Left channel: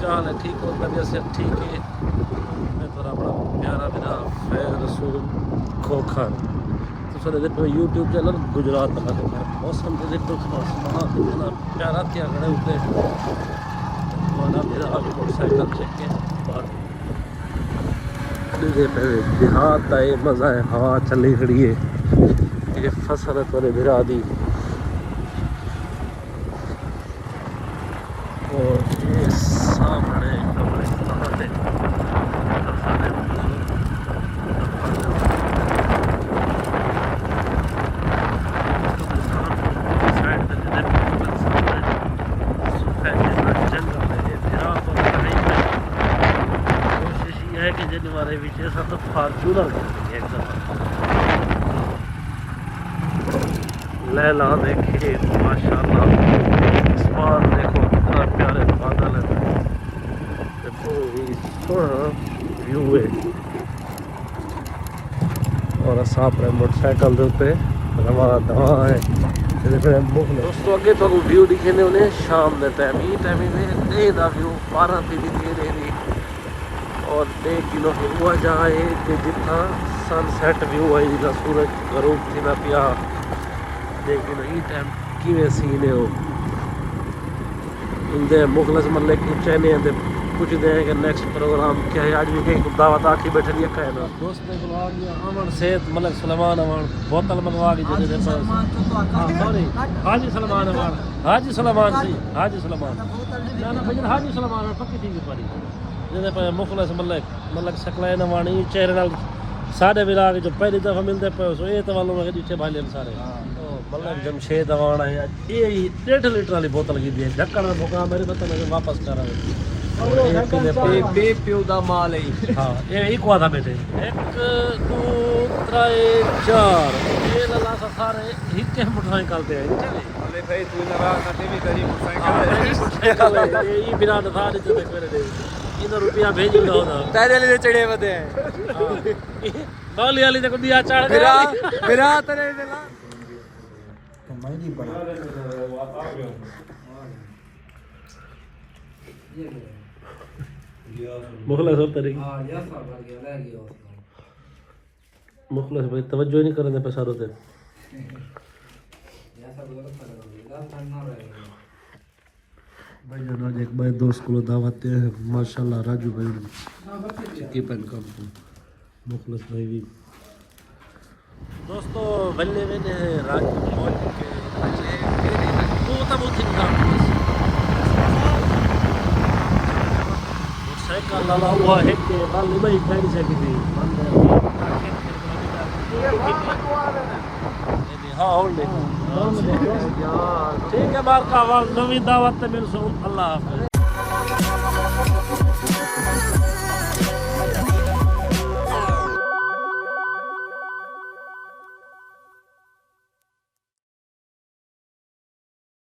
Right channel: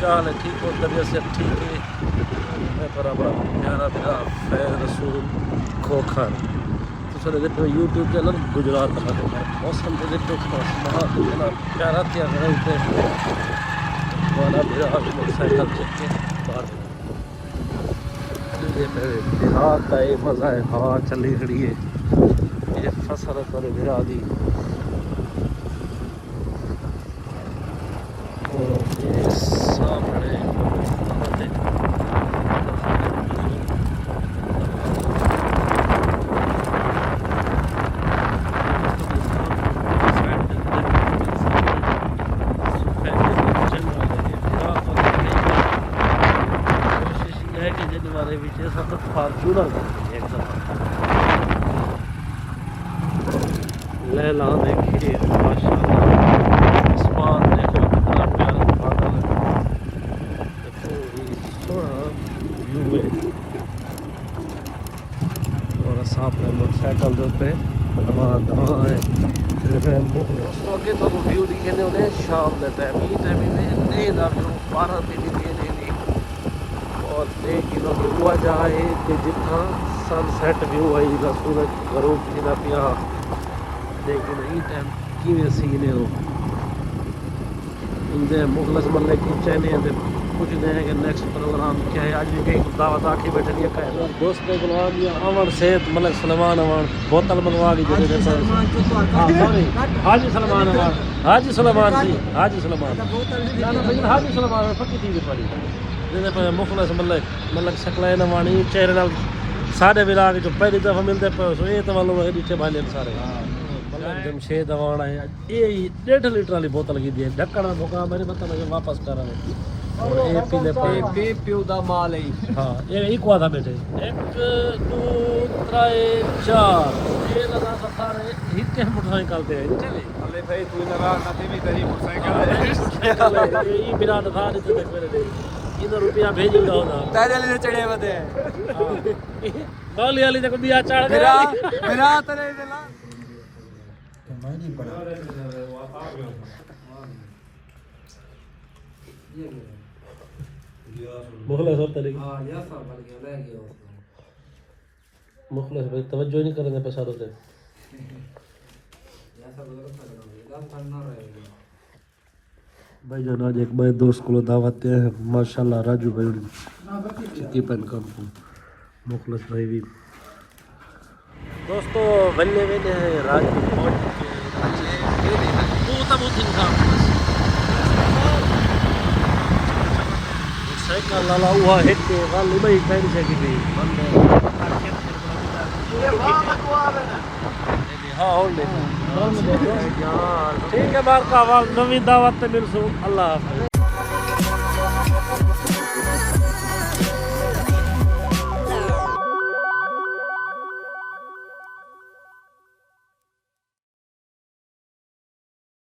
चाल है ठीक और तबीयत से ठीक है। मैं बड़ा बड़ा प्यारा मेरा फैज़ रसूल खोखर तो सर देखो यूट्यूब चैनल गुजरात का मौसम के देखो कितना प्यारा तैयार करते बड़ा मेरा मोटरसाइकिल चेक के बाहर देहात है मज़ा है हवा चली खड़ी है ये फसल थोड़े बिरा दी सामने सब फार्चूनर ले लो देखिए माशाल्लाह आसमान देखो कितना प्यारे बादल है देखो ये सोना व्यू है और अपने मोटरसाइकिल के ऊपर हमारा दवा है दोस्तों अगे तो व्यू दिखे ने उन्हें शाम के टाइम ही में डे का व्यू 12 दिन और 1 किलो हुआ जाए कि जितना सनसैट व्यू है जितना सूरज गरूब थी पिया लेकिन ये टाइम कि सीन है उनके मुखलस मतलब पूछे नहीं पूछते हैं कि नेक्स्ट प्रोग्राम क्या है। आज भी कहीं दावत आखी बैठे दिया कहे ना दोस्त के गुलाम या अमन सेहत मलिक सलमान अमान बोतल मंगवा के हाजी सलमान अमान हाजी सलमान जी हाजी सलमान हाजी सलमान पक्की थी पड़ी जैसे पर मुखलस मलिक शकलाइन अमान ये चेहरा सारे विराग तो पहली दफ़ा मिलते पर ये तो मालूम है पीछे भाले सारे जमशेद अवान है ये 1.5 लीटर वाली बोतल की दी है ढक्कन भुका मेरे पता लगे वापस करा पियो दा माल है हां ये एक वादा बेटे 1 2 3 4 ये लगा सारे एक के मोटरसाइकिल करते हैं चले अरे भाई तू लगा ना भी कहीं मोटरसाइकिल ये बिना दफा नहीं तो रुपया भेज दो दादे ले चढ़े बते हां बाली वाली देखो दिया चढ़ मेरा तेरे बेला तो मैं नहीं पड़ा मुखलस सब तेरे हां या सब भर गया रह गया मुखलस भाई तवज्जो नहीं करने पे सारो थे या सब गलत लगा करना रहेगा भाई जान आज एक भाई दोस्त को दावत है माशाल्लाह राजू भाई की पेन कम मुखलस भाई भी दोस्तों बल्ले में राजू बहुत तो बहुत खराब साइकिल लाला हुआ है के वाली भाई गाड़ी से की भी हाँ और ले ठीक है बार का नवी दावत मिल सो अल्लाह